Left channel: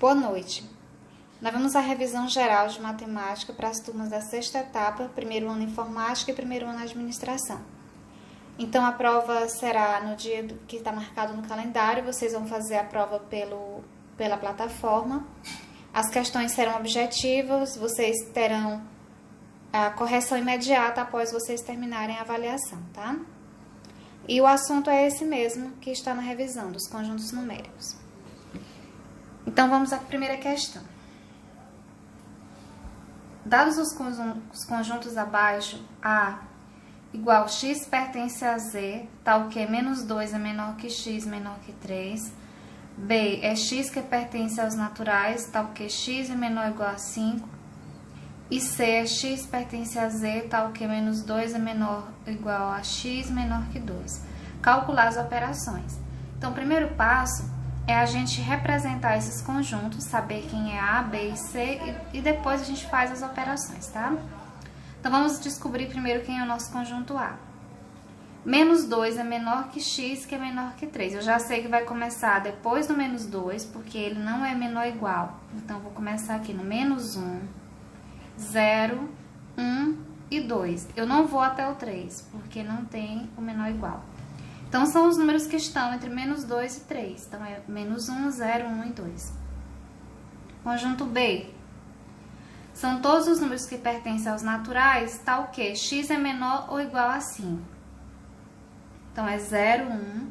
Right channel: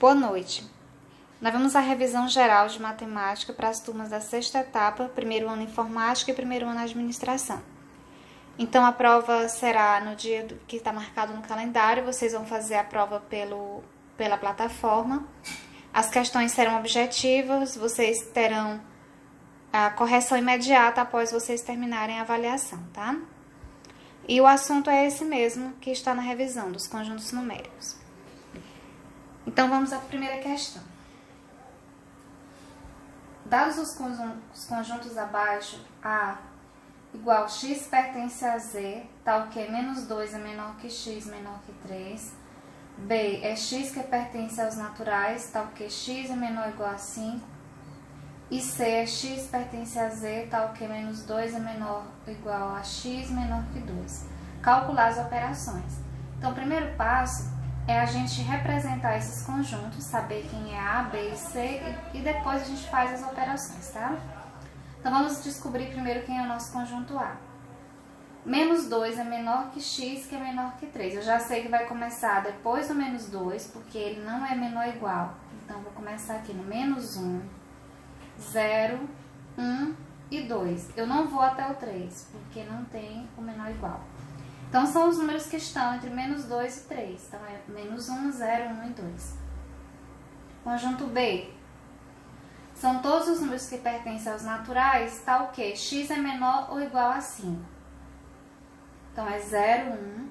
Boa noite. Nós vamos à revisão geral de matemática para as turmas da sexta etapa, primeiro ano informática e primeiro ano administração. Então, a prova será no dia que está marcado no calendário, vocês vão fazer a prova pela plataforma. As questões serão objetivas, vocês terão a correção imediata após vocês terminarem a avaliação, tá? E o assunto é esse mesmo que está na revisão dos conjuntos numéricos. Então, vamos à primeira questão. Dados os conjuntos abaixo, A igual x pertence a Z, tal que menos 2 é menor que x menor que 3. B é x que pertence aos naturais, tal que x é menor ou igual a 5. E C é x pertence a Z, tal que menos 2 é menor ou igual a x menor que 2. Calcular as operações. Então, o primeiro passo é a gente representar esses conjuntos, saber quem é A, B e C, e depois a gente faz as operações, tá? Então, vamos descobrir primeiro quem é o nosso conjunto A. Menos 2 é menor que x, que é menor que 3. Eu já sei que vai começar depois do menos 2, porque ele não é menor ou igual. Então, eu vou começar aqui no menos 1, 0, 1 e 2. Eu não vou até o 3, porque não tem o menor ou igual. Então, são os números que estão entre menos 2 e 3. Então, é menos 1, 0, 1 e 2. Conjunto B. São todos os números que pertencem aos naturais, tal que x é menor ou igual a 5. Então, é 0, 1,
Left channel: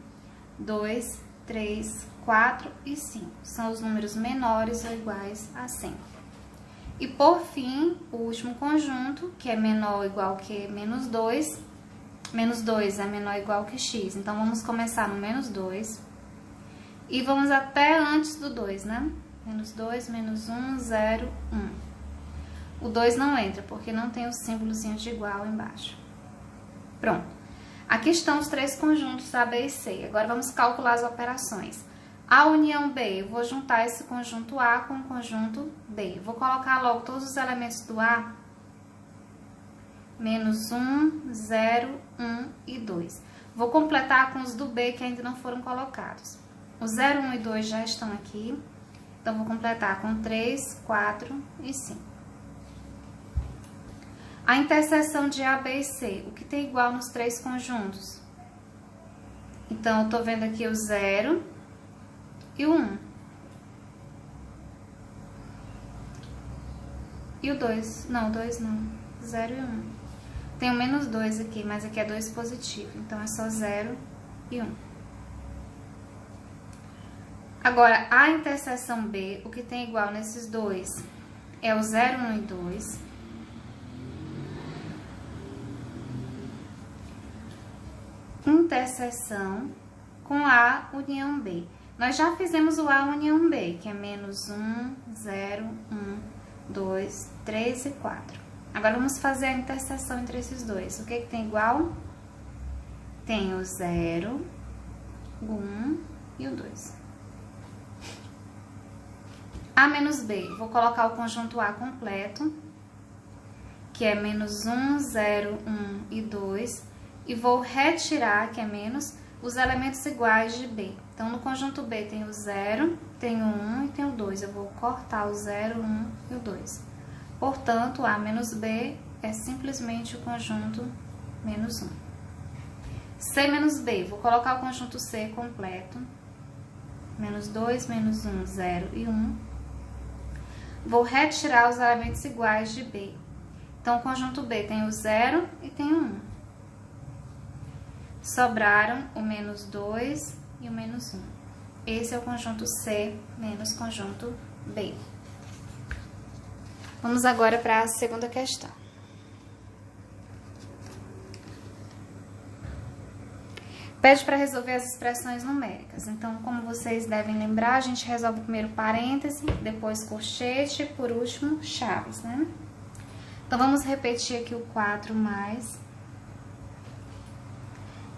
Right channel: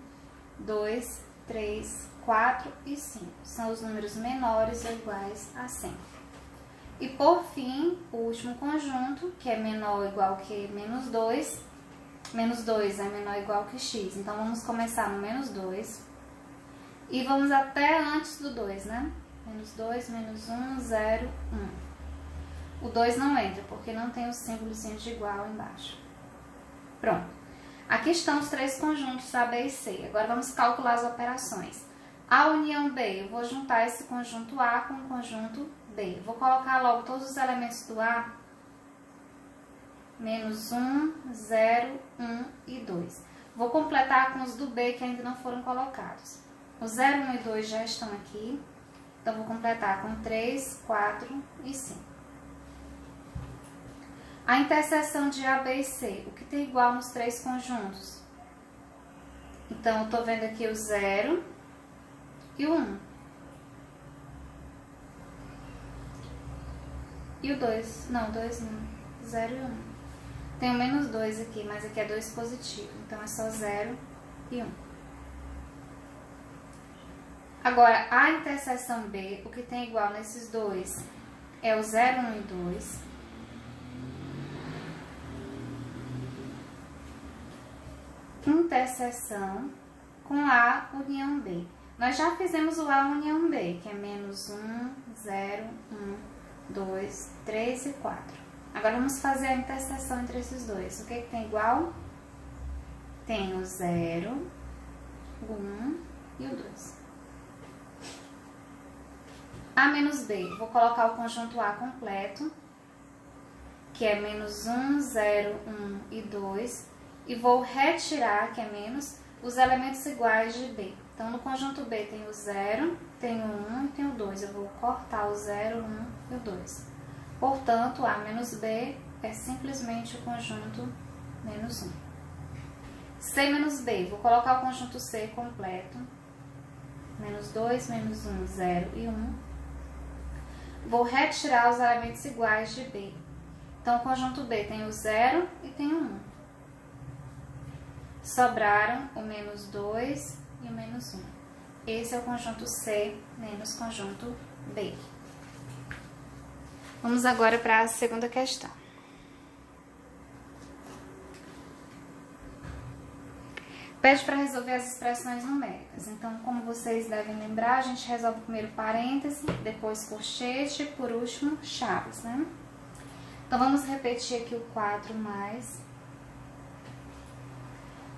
2, 3, 4 e 5. São os números menores ou iguais a 100. E, por fim, o último conjunto, que é menor ou igual que menos 2. Menos 2 é menor ou igual que x. Então, vamos começar no menos 2. E vamos até antes do 2, né? Menos 2, menos 1, 0, 1. O 2 não entra, porque não tem o símbolozinho de igual embaixo. Pronto. Aqui estão os três conjuntos A, B e C. Agora, vamos calcular as operações. A união B, eu vou juntar esse conjunto A com o conjunto B. Vou colocar logo todos os elementos do A. Menos 1, 0, 1 e 2. Vou completar com os do B que ainda não foram colocados. Os 0, 1 e 2 já estão aqui. Então, vou completar com 3, 4 e 5. A interseção de A, B e C. O que tem igual nos três conjuntos? Então, eu estou vendo aqui o 0 e o 1. E o 2. Não, 2 não. 0 e 1. Tem o menos 2 aqui, mas aqui é 2 positivo. Então, é só 0 e 1. Agora, a interseção B, o que tem igual nesses dois é o 0, 1 e 2. Interseção com A união B. Nós já fizemos o A união B, que é menos 1, 0, 1, 2, 3 e 4. Agora, vamos fazer a interseção entre esses dois. O que tem igual? Tem o 0, o 1 e o 2. A menos B. Vou colocar o conjunto A completo, que é menos 1, 0, 1 e 2. E vou retirar, que é menos, os elementos iguais de B. Então, no conjunto B tem o 0, tem o 1 e tem o 2. Eu vou cortar o 0, 1 e o 2. Portanto, A menos B é simplesmente o conjunto menos 1. C menos B, vou colocar o conjunto C completo. Menos 2, menos 1, 0 e 1. Vou retirar os elementos iguais de B. Então, o conjunto B tem o 0 e tem o 1. Sobraram o menos 2 e o menos 1. Esse é o conjunto C menos conjunto B. Vamos agora para a segunda questão. Pede para resolver as expressões numéricas. Então, como vocês devem lembrar, a gente resolve primeiro parêntese, depois colchete e, por último, chaves, né? Então, vamos repetir aqui o 4 mais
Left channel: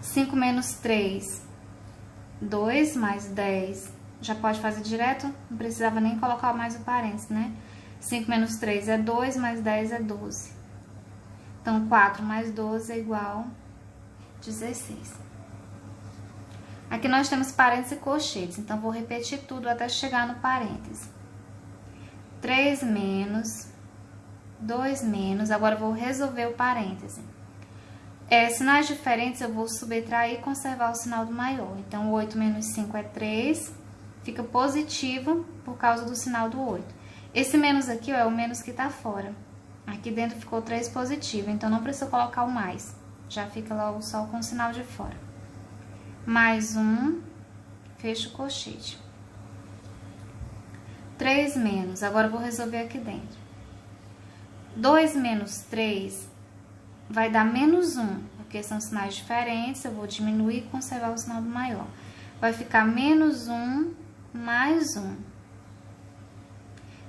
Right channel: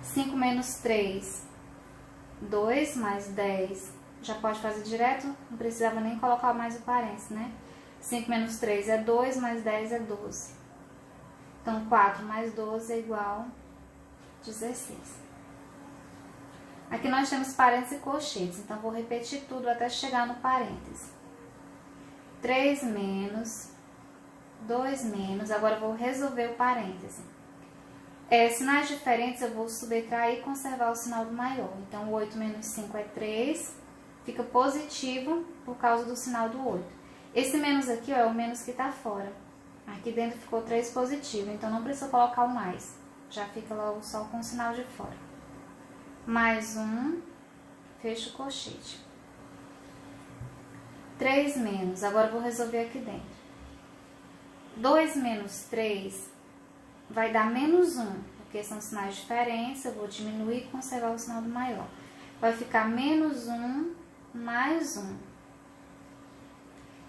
5 menos 3, 2 mais 10. Já pode fazer direto, não precisava nem colocar mais o parêntese, né? 5 menos 3 é 2, mais 10 é 12. Então, 4 mais 12 é igual a 16. Aqui nós temos parênteses e colchetes, então vou repetir tudo até chegar no parêntese. 3 menos, 2 menos, agora eu vou resolver o parêntese. Sinais diferentes eu vou subtrair e conservar o sinal do maior. Então, 8 menos 5 é 3, fica positivo por causa do sinal do 8. Esse menos aqui ó, é o menos que está fora. Aqui dentro ficou 3 positivo, então não precisa colocar o mais. Já fica logo só com o sinal de fora. Mais 1, fecha o colchete. 3 menos, agora eu vou resolver aqui dentro. 2 menos 3 vai dar menos 1, porque são sinais diferentes, eu vou diminuir e conservar o sinal do maior. Vai ficar menos 1 mais 1.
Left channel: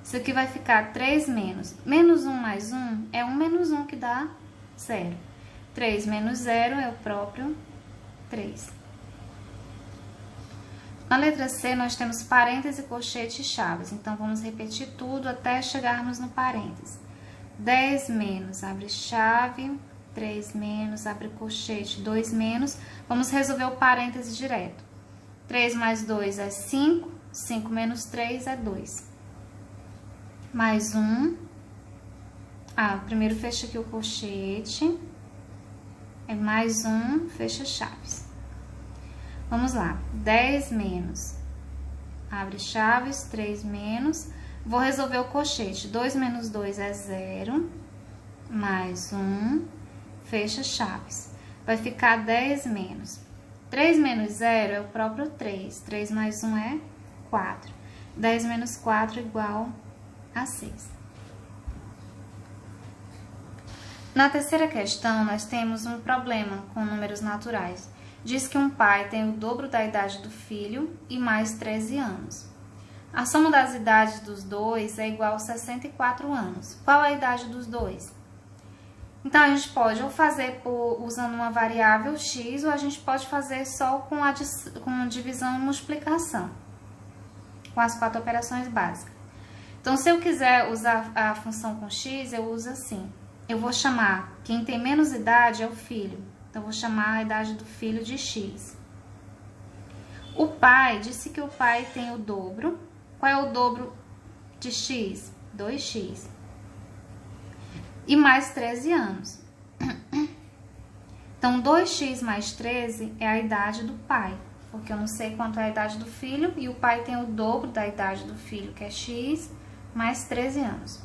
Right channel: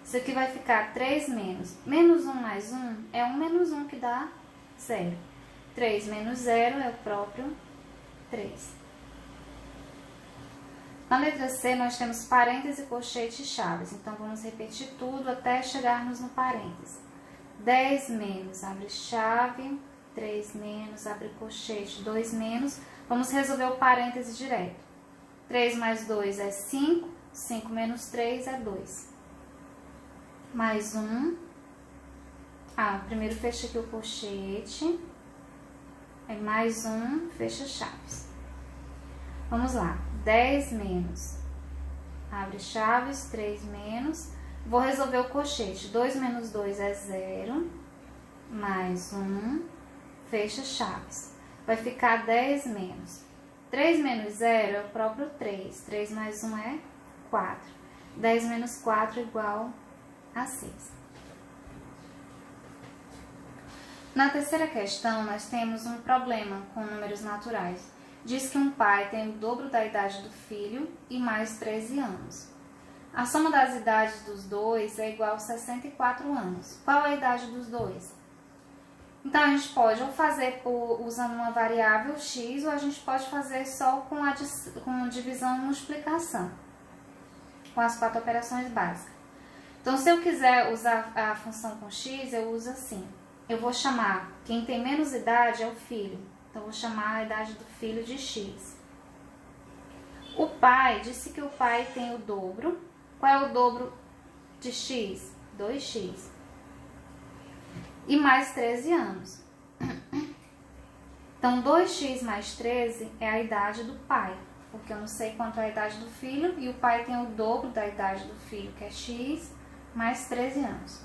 Isso aqui vai ficar 3 menos. Menos 1 mais 1 é 1 menos 1 que dá 0. 3 menos 0 é o próprio 3. Na letra C, nós temos parêntese, colchete e chaves. Então, vamos repetir tudo até chegarmos no parêntese. 10 menos, abre chave, 3 menos, abre colchete, 2 menos. Vamos resolver o parêntese direto. 3 mais 2 é 5, 5 menos 3 é 2. Mais 1. Primeiro fecha aqui o colchete. É mais 1, fecha chaves. Vamos lá, 10 menos, abre chaves, 3 menos, vou resolver o colchete, 2 menos 2 é 0, mais 1, fecha chaves, vai ficar 10 menos, 3 menos 0 é o próprio 3, 3 mais 1 é 4, 10 menos 4 igual a 6. Na terceira questão, nós temos um problema com números naturais. Diz que um pai tem o dobro da idade do filho e mais 13 anos. A soma das idades dos dois é igual a 64 anos. Qual é a idade dos dois? Então, a gente pode ou fazer usando uma variável x, ou a gente pode fazer só com divisão e multiplicação, com as 4 operações básicas. Então, se eu quiser usar a função com x, eu uso assim. Eu vou chamar, quem tem menos idade é o filho. Então, vou chamar a idade do filho de x. O pai, disse que o pai tem o dobro. Qual é o dobro de x? 2x. E mais 13 anos. Então, 2x mais 13 é a idade do pai. Porque eu não sei quanto é a idade do filho. E o pai tem o dobro da idade do filho, que é x, mais 13 anos.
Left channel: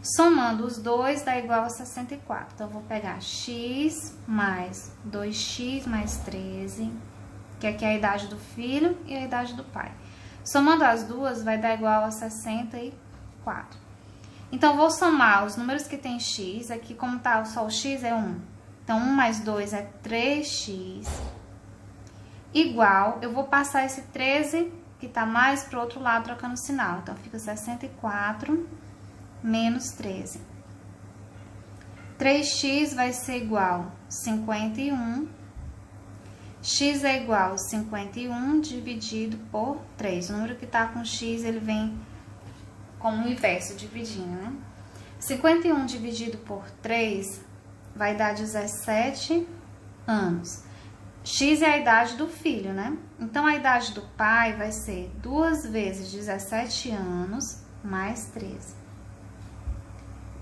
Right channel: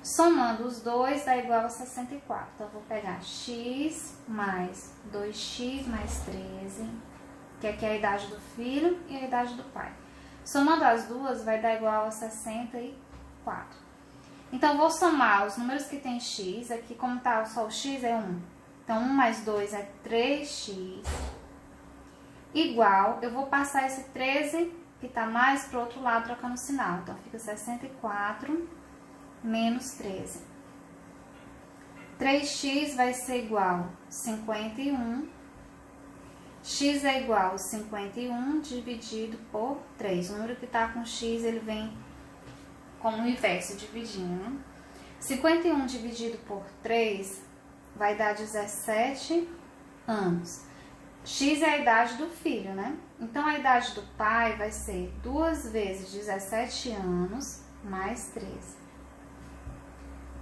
Somando os dois dá igual a 64. Então, eu vou pegar x mais 2x mais 13, que aqui é a idade do filho e a idade do pai. Somando as duas, vai dar igual a 64. Então, vou somar os números que tem x. Aqui, como tá só o x, é 1. Então, 1 mais 2 é 3x. Igual, eu vou passar esse 13, que tá mais pro outro lado, trocando o sinal. Então, fica 64 menos 13. 3x vai ser igual a 51. X é igual a 51 dividido por 3. O número que está com x, ele vem como o inverso, dividindo, né? 51 dividido por 3 vai dar 17 anos. X é a idade do filho, né? Então, a idade do pai vai ser 2 vezes 17 anos mais 13.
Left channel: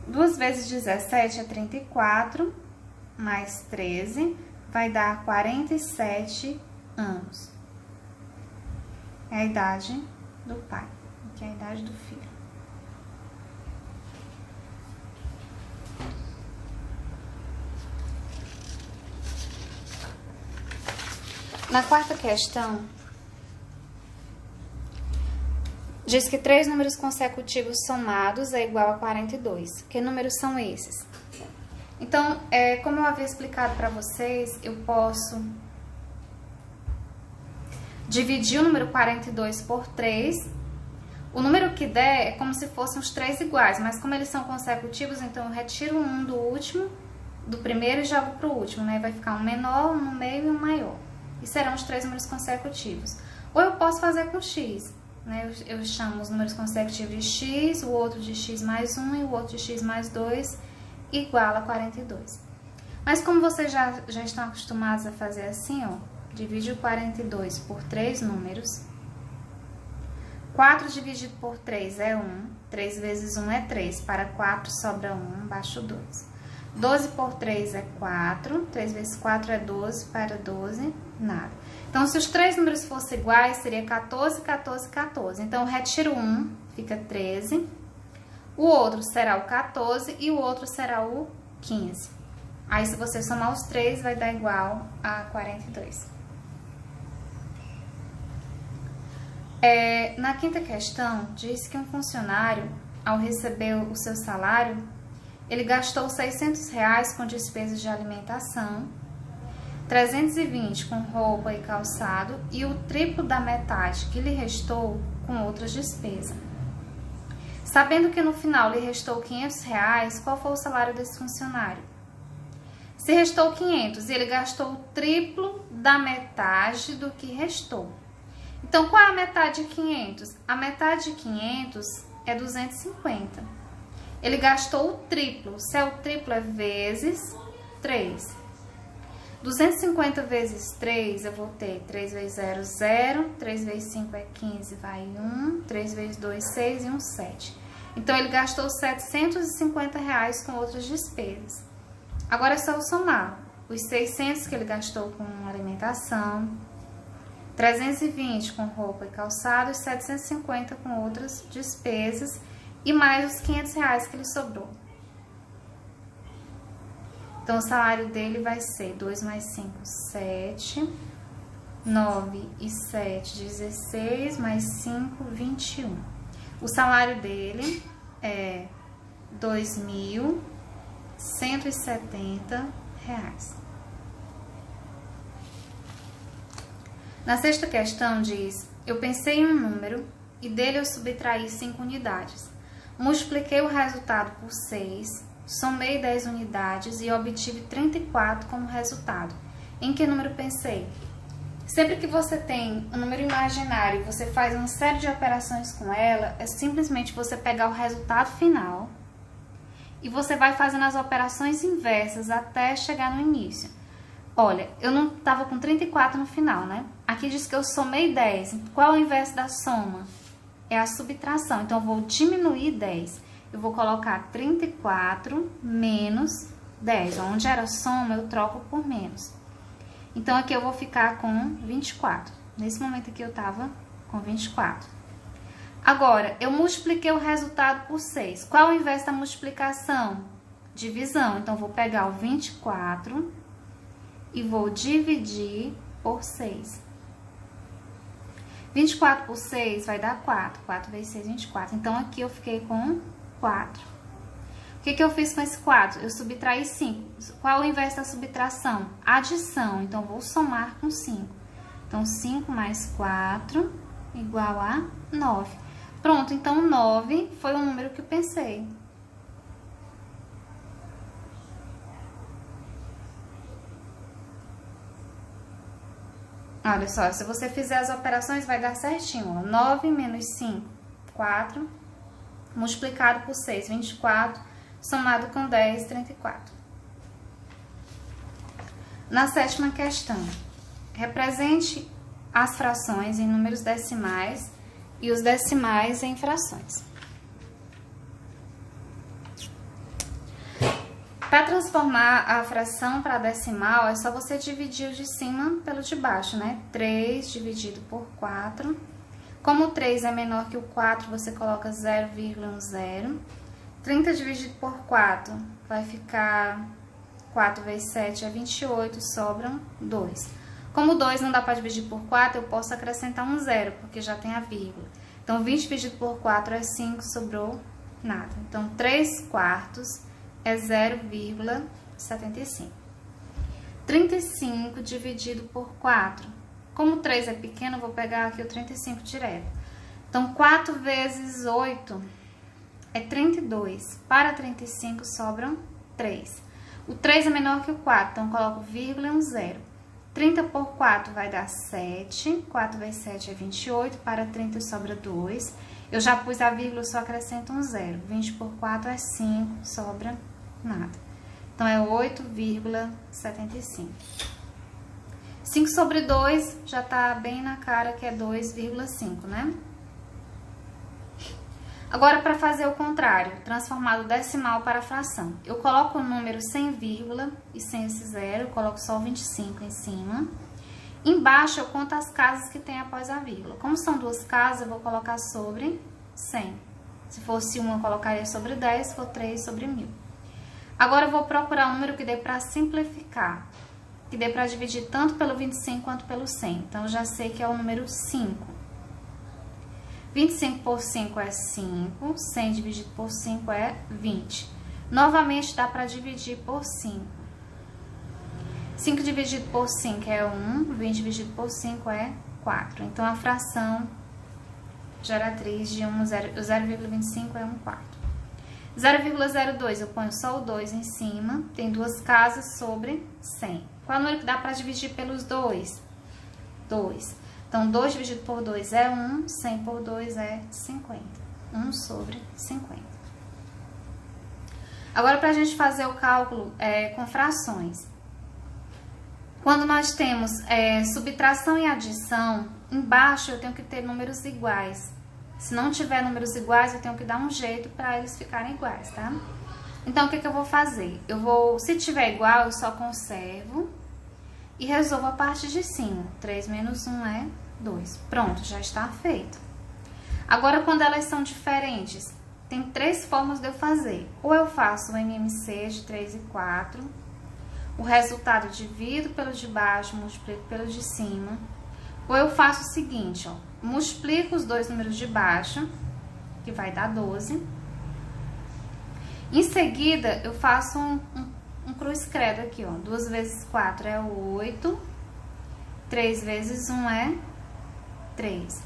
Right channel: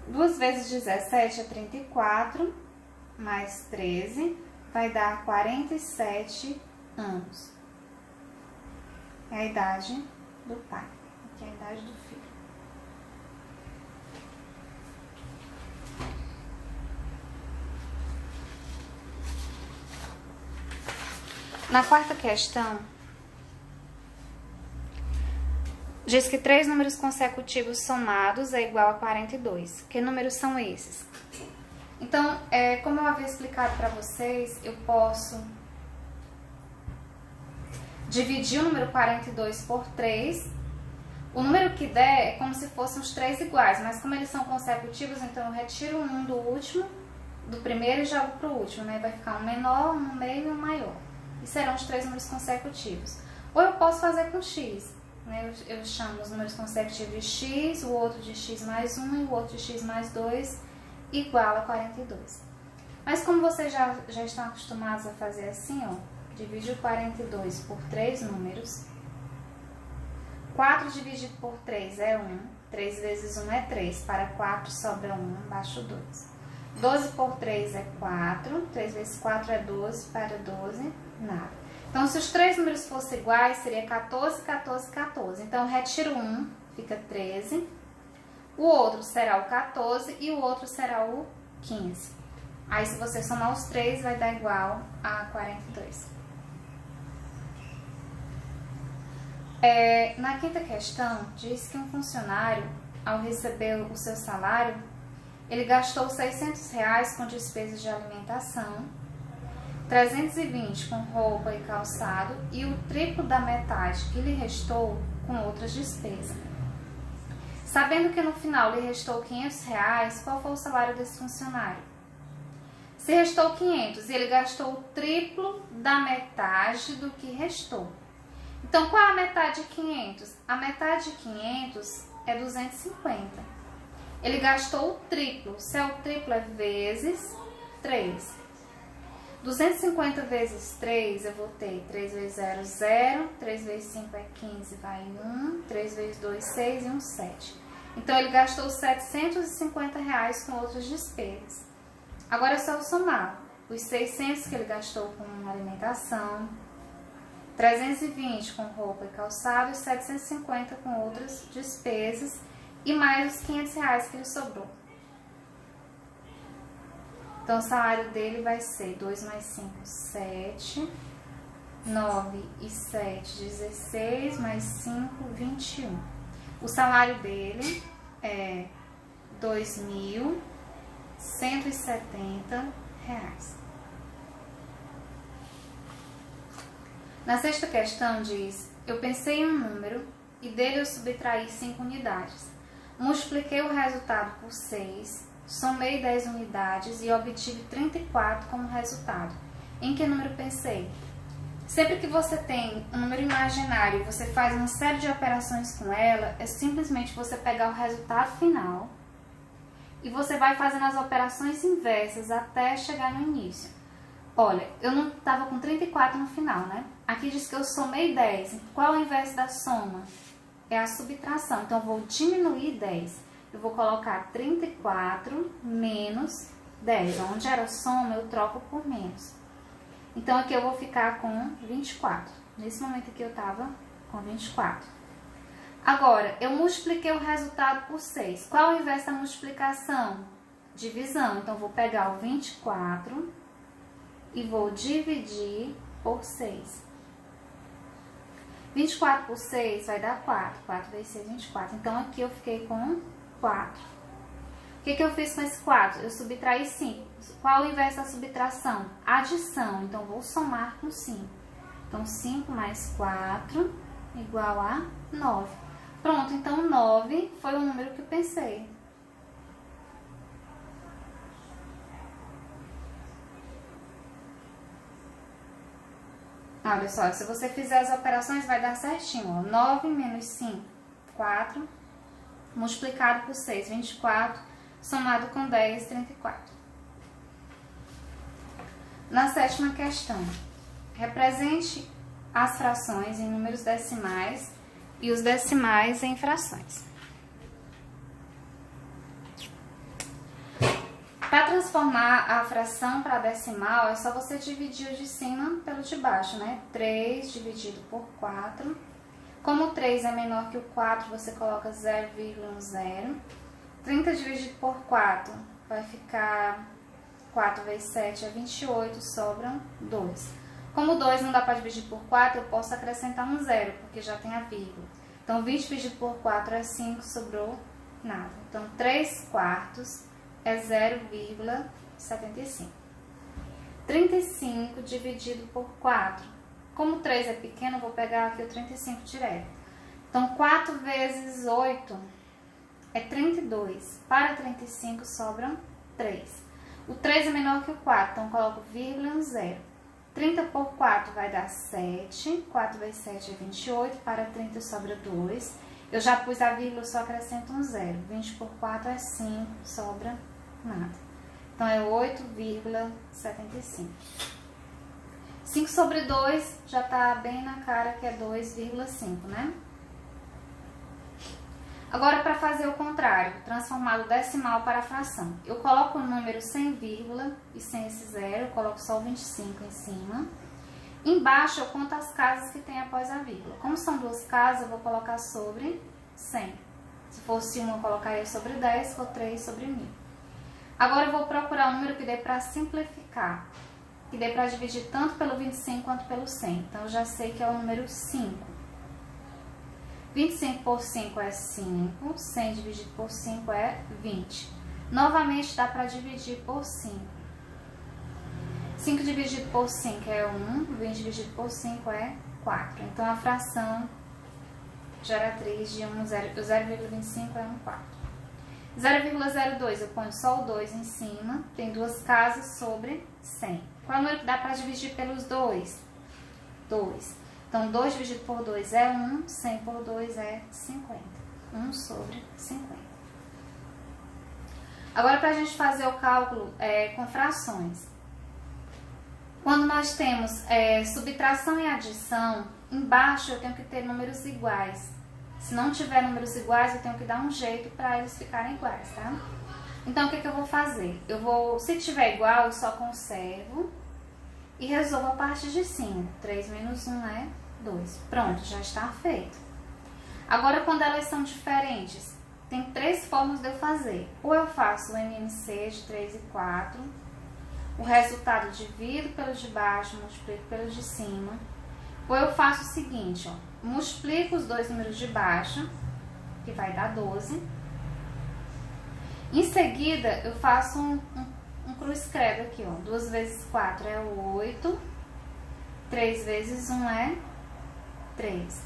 2 vezes 17 é 34, mais 13, vai dar 47 anos. É a idade do pai, que é a idade do filho. Na quarta questão, diz que 3 números consecutivos somados é igual a 42. Que números são esses? Então, como eu havia explicado para vocês, eu posso dividir o número 42 por 3. O número que der é como se fossem os 3 iguais, mas como eles são consecutivos, então eu retiro um do último, do primeiro e jogo para o último, né? Vai ficar um menor, um no meio e um maior. E serão os 3 números consecutivos. Ou eu posso fazer com x. Eu chamo os números consecutivos de x, o outro de x mais 1 e o outro de x mais 2 igual a 42. Mas como vocês já estão acostumados a fazer assim, ó, divide o 42 por 3 números, 4 dividido por 3 é 1. 3 vezes 1 é 3. Para 4 sobra 1, baixo 2. 12 por 3 é 4. 3 vezes 4 é 12. Para 12, nada. Então, se os três números fossem iguais, seria 14, 14, 14. Então, eu retiro 1, fica 13. O outro será o 14 e o outro será o 15. Aí, se você somar os três, vai dar igual a 42. Na quinta questão, diz que um funcionário, ao receber o seu salário, ele gastou R$600 com despesas de alimentação, 320 com roupa e calçado e o triplo da metade que lhe restou com outras despesas. Sabendo que no final lhe restou R$500, qual foi o salário desse funcionário? Se restou 500 e ele gastou o triplo da metade do que restou. Então, qual é a metade de 500? A metade de 500 é 250. Ele gastou o triplo. Se é o triplo, é vezes 3. 250 vezes 3, eu vou ter 3 vezes 0, 0. 3 vezes 5 é 15, vai 1. 3 vezes 2, 6 e 1, 7. Então, ele gastou R$750 com outras despesas. Agora é só eu somar os 600 que ele gastou com alimentação, 320 com roupa e calçado e 750 com outras despesas e mais os R$500 que ele sobrou. Então, o salário dele vai ser 2 mais 5, 7, 9 e 7, 16, mais 5, 21. O salário dele é R$2.170. Na sexta questão diz, eu pensei em um número e dele eu subtraí 5 unidades. Multipliquei o resultado por 6, somei 10 unidades e obtive 34 como resultado. Em que número pensei? Sempre que você tem um número imaginário e você faz uma série de operações com ela, é simplesmente você pegar o resultado final e você vai fazendo as operações inversas até chegar no início. Olha, eu não estava com 34 no final, né? Aqui diz que eu somei 10. Qual é o inverso da soma? É a subtração. Então, eu vou diminuir 10. Eu vou colocar 34 menos 10. Onde era soma, eu troco por menos. Então, aqui eu vou ficar com 24. Nesse momento aqui eu estava com 24. Agora, eu multipliquei o resultado por 6. Qual é o inverso da multiplicação? Divisão. Então, eu vou pegar o 24 e vou dividir por 6. 24 por 6 vai dar 4. 4 vezes 6, 24. Então, aqui eu fiquei com 4. O que eu fiz com esse 4? Eu subtraí 5. Qual é o inverso da subtração? Adição. Então, vou somar com 5. Então, 5 mais 4 igual a 9. Pronto, então 9 foi o número que eu pensei. Olha só, se você fizer as operações, vai dar certinho, ó. 9 menos 5, 4, multiplicado por 6, 24, somado com 10, 34. Na sétima questão, represente as frações em números decimais e os decimais em frações. Para transformar a fração para decimal, é só você dividir o de cima pelo de baixo, né? 3 dividido por 4. Como o 3 é menor que o 4, você coloca 0,10. 30 dividido por 4 vai ficar 4 vezes 7 é 28, sobram 2. Como 2 não dá para dividir por 4, eu posso acrescentar um 0, porque já tem a vírgula. Então, 20 dividido por 4 é 5, sobrou nada. Então, 3 quartos é 0,75. 35 dividido por 4. Como 3 é pequeno, eu vou pegar aqui o 35 direto. Então, 4 vezes 8 é 32. Para 35, sobram 3. O 3 é menor que o 4, então, eu coloco vírgula e um 0. 30 por 4 vai dar 7. 4 vezes 7 é 28. Para 30, sobra 2. Eu já pus a vírgula, só acrescento um 0. 20 por 4 é 5, sobra nada. Então, é 8,75. 5 sobre 2 já tá bem na cara que é 2,5, né? Agora, para fazer o contrário, transformar o decimal para fração. Eu coloco o número sem vírgula e sem esse zero, eu coloco só o 25 em cima. Embaixo eu conto as casas que tem após a vírgula. Como são duas casas, eu vou colocar sobre 100. Se fosse 1, eu colocaria sobre 10, se for 3, sobre 1000. Agora eu vou procurar um número que dê para simplificar, que dê para dividir tanto pelo 25 quanto pelo 100. Então, eu já sei que é o número 5. 25 por 5 é 5, 100 dividido por 5 é 20. Novamente, dá para dividir por 5. 5 dividido por 5 é 1, 20 dividido por 5 é 4. Então, a fração geratriz de 0,25 é 1 quarto. 0,02 eu ponho só o 2 em cima, tem duas casas sobre 100. Qual é o número que dá para dividir pelos 2? 2. Então, 2 dividido por 2 é 1, 100 por 2 é 50. 1 sobre 50. Agora, para a gente fazer o cálculo com frações. Quando nós temos subtração e adição, embaixo eu tenho que ter números iguais. Se não tiver números iguais, eu tenho que dar um jeito para eles ficarem iguais, tá? Então, o que eu vou fazer? Se tiver igual, eu só conservo e resolvo a parte de cima. 3 menos 1 é 2. Pronto, já está feito. Agora, quando elas são diferentes, tem 3 formas de eu fazer. Ou eu faço o MMC de 3 e 4, o resultado divido pelo de baixo, multiplico pelo de cima. Ou eu faço o seguinte, ó, multiplico os dois números de baixo, que vai dar 12. Em seguida, eu faço um cruz credo aqui, ó. 2 vezes 4 é 8. 3 vezes 1 é 3.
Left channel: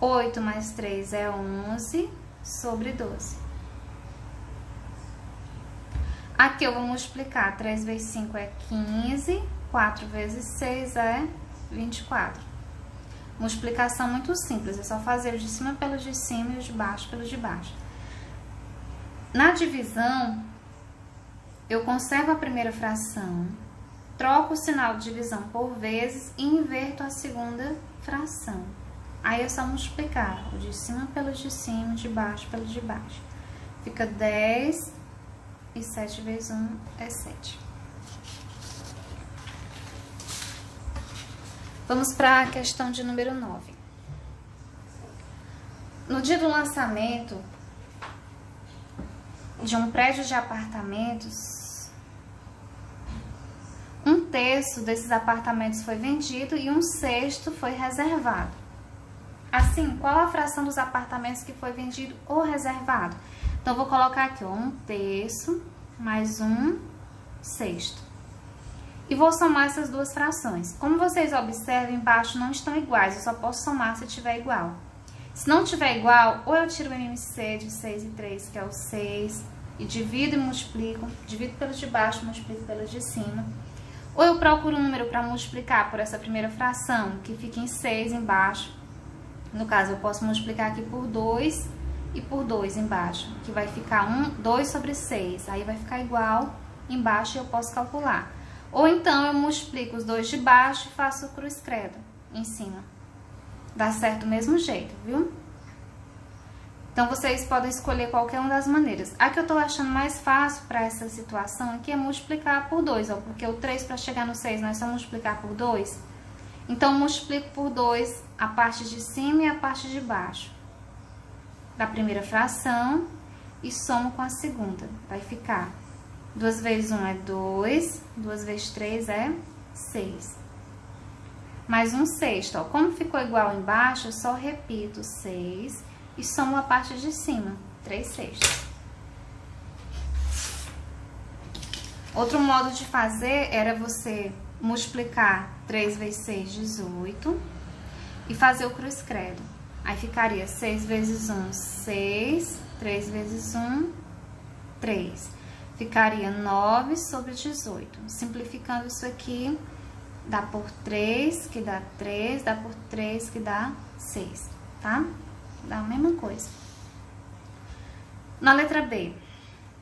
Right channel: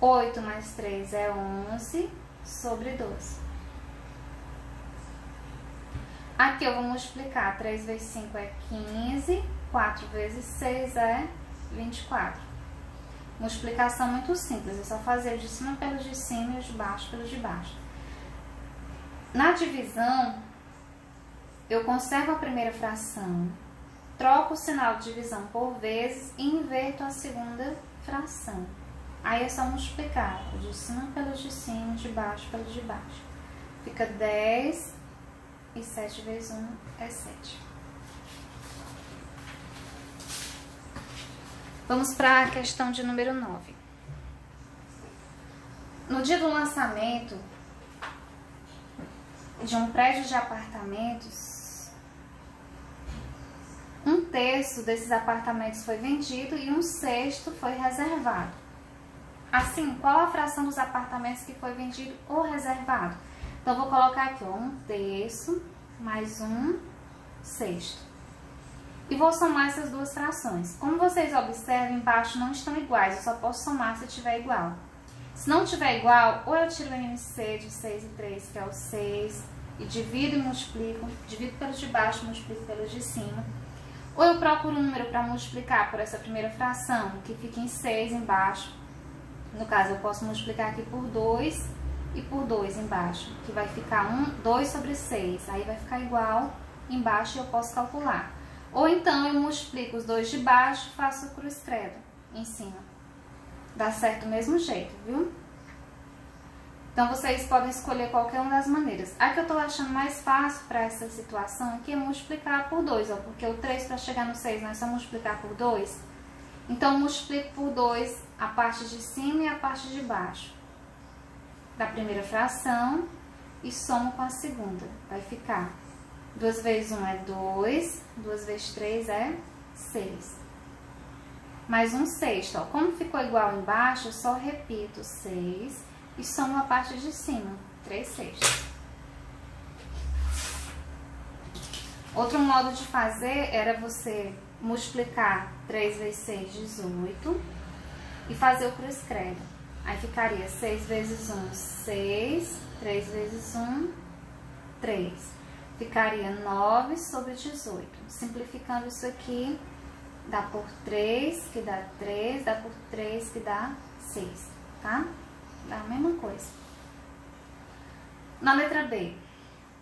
8 mais 3 é 11 sobre 12. Aqui eu vou multiplicar. 3 vezes 5 é 15. 4 vezes 6 é 24. Multiplicação muito simples, é só fazer o de cima pelo de cima e o de baixo pelo de baixo. Na divisão, eu conservo a primeira fração, troco o sinal de divisão por vezes e inverto a segunda fração. Aí é só multiplicar o de cima pelo de cima, o de baixo pelo de baixo. Fica 10 e 7 vezes 1 é 7. Vamos para a questão de número 9. No dia do lançamento de um prédio de apartamentos, 1/3 desses apartamentos foi vendido e 1/6 foi reservado. Assim, qual a fração dos apartamentos que foi vendido ou reservado? Então, eu vou colocar aqui, ó, 1/3 mais 1/6. E vou somar essas duas frações. Como vocês observam, embaixo não estão iguais, eu só posso somar se tiver igual. Se não tiver igual, ou eu tiro o MMC de 6 e 3, que é o 6, e divido e multiplico, divido pelo de baixo, multiplico pelo de cima. Ou eu procuro um número para multiplicar por essa primeira fração, que fica em 6 embaixo. No caso, eu posso multiplicar aqui por 2 e por 2 embaixo, que vai ficar 2 sobre 6. Aí vai ficar igual embaixo e eu posso calcular. Ou então, eu multiplico os dois de baixo e faço o cruz credo em cima. Dá certo do mesmo jeito, viu? Então, vocês podem escolher qualquer uma das maneiras. A que eu tô achando mais fácil para essa situação aqui é multiplicar por 2, ó. Porque o 3 para chegar no 6, nós só multiplicar por 2. Então, eu multiplico por 2 a parte de cima e a parte de baixo da primeira fração e somo com a segunda. Vai ficar 2 vezes 1 é 2, 2 vezes 3 é 6. Mais 1/6, ó. Como ficou igual embaixo, eu só repito 6 e somo a parte de cima, 3/6. Outro modo de fazer era você multiplicar 3 vezes 6, 18, e fazer o cruz credo. Aí ficaria 6 vezes 1, 6, 3 vezes 1, 3. Ficaria 9 sobre 18. Simplificando isso aqui, dá por 3, que dá 3, dá por 3, que dá 6, tá? Dá a mesma coisa. Na letra B,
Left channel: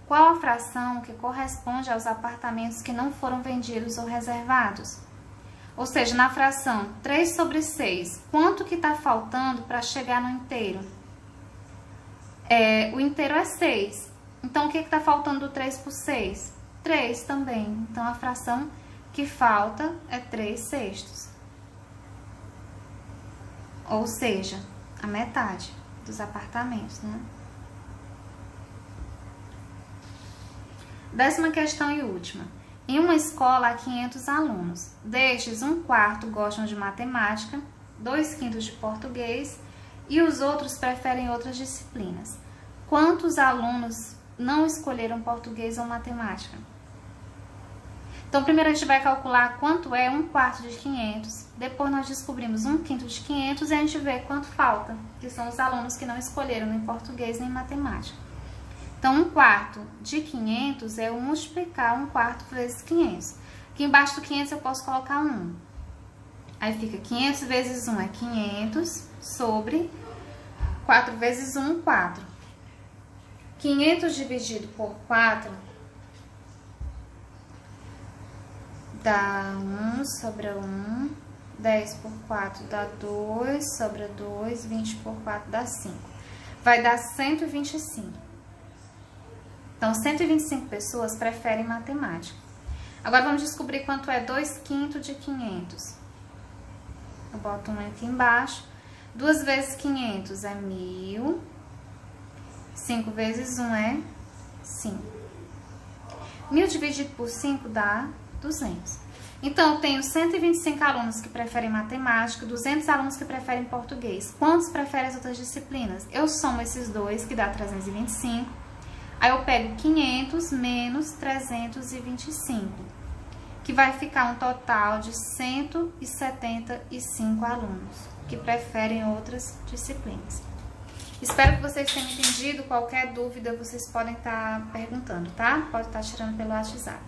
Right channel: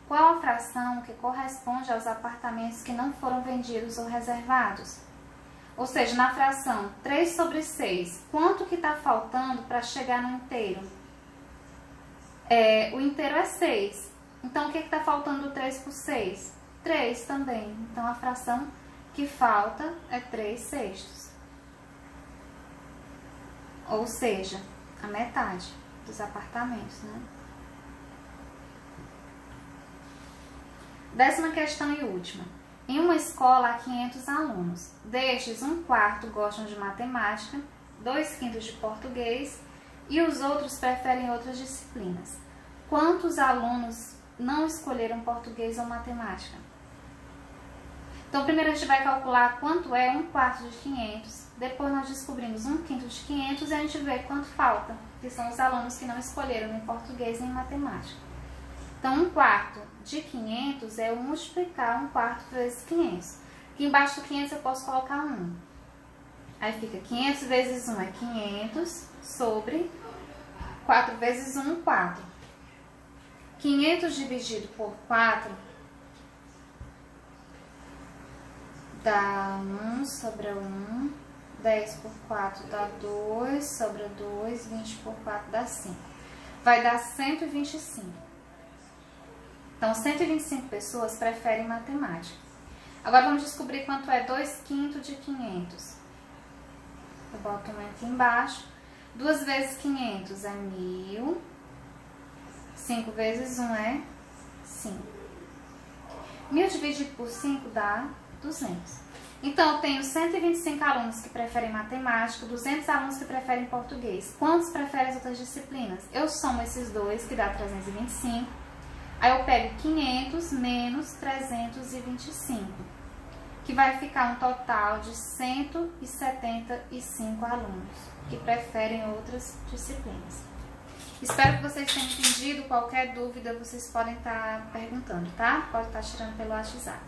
qual a fração que corresponde aos apartamentos que não foram vendidos ou reservados? Ou seja, na fração 3 sobre 6, quanto que tá faltando para chegar no inteiro? O inteiro é 6. Então, o que está faltando do 3 por 6? 3 também. Então, a fração que falta é 3/6. Ou seja, a metade dos apartamentos, né? 10ª questão e última. Em uma escola há 500 alunos. Destes, 1/4 gostam de matemática, 2/5 de português e os outros preferem outras disciplinas. Quantos alunos não escolheram português ou matemática? Então, primeiro a gente vai calcular quanto é 1/4 de 500. Depois nós descobrimos 1/5 de 500 e a gente vê quanto falta, que são os alunos que não escolheram nem português nem matemática. Então, 1/4 de 500 é eu multiplicar 1/4 vezes 500. Aqui embaixo do 500 eu posso colocar 1. Aí fica 500 vezes 1 é 500 sobre 4 vezes 1, 4. 500 dividido por 4 dá 1, sobra 1. 10 por 4 dá 2, sobra 2. 20 por 4 dá 5. Vai dar 125. Então, 125 pessoas preferem matemática. Agora, vamos descobrir quanto é 2/5 de 500. Eu boto 1 aqui embaixo. 2 vezes 500 é 1.000. 5 vezes 1 é 5. 1.000 dividido por 5 dá 200. Então, eu tenho 125 alunos que preferem matemática, 200 alunos que preferem português. Quantos preferem as outras disciplinas? Eu somo esses dois, que dá 325. Aí eu pego 500 menos 325, que vai ficar um total de 175 alunos que preferem outras disciplinas. Espero que vocês tenham entendido. Qualquer dúvida vocês podem estar perguntando, tá? Pode estar tirando pelo WhatsApp.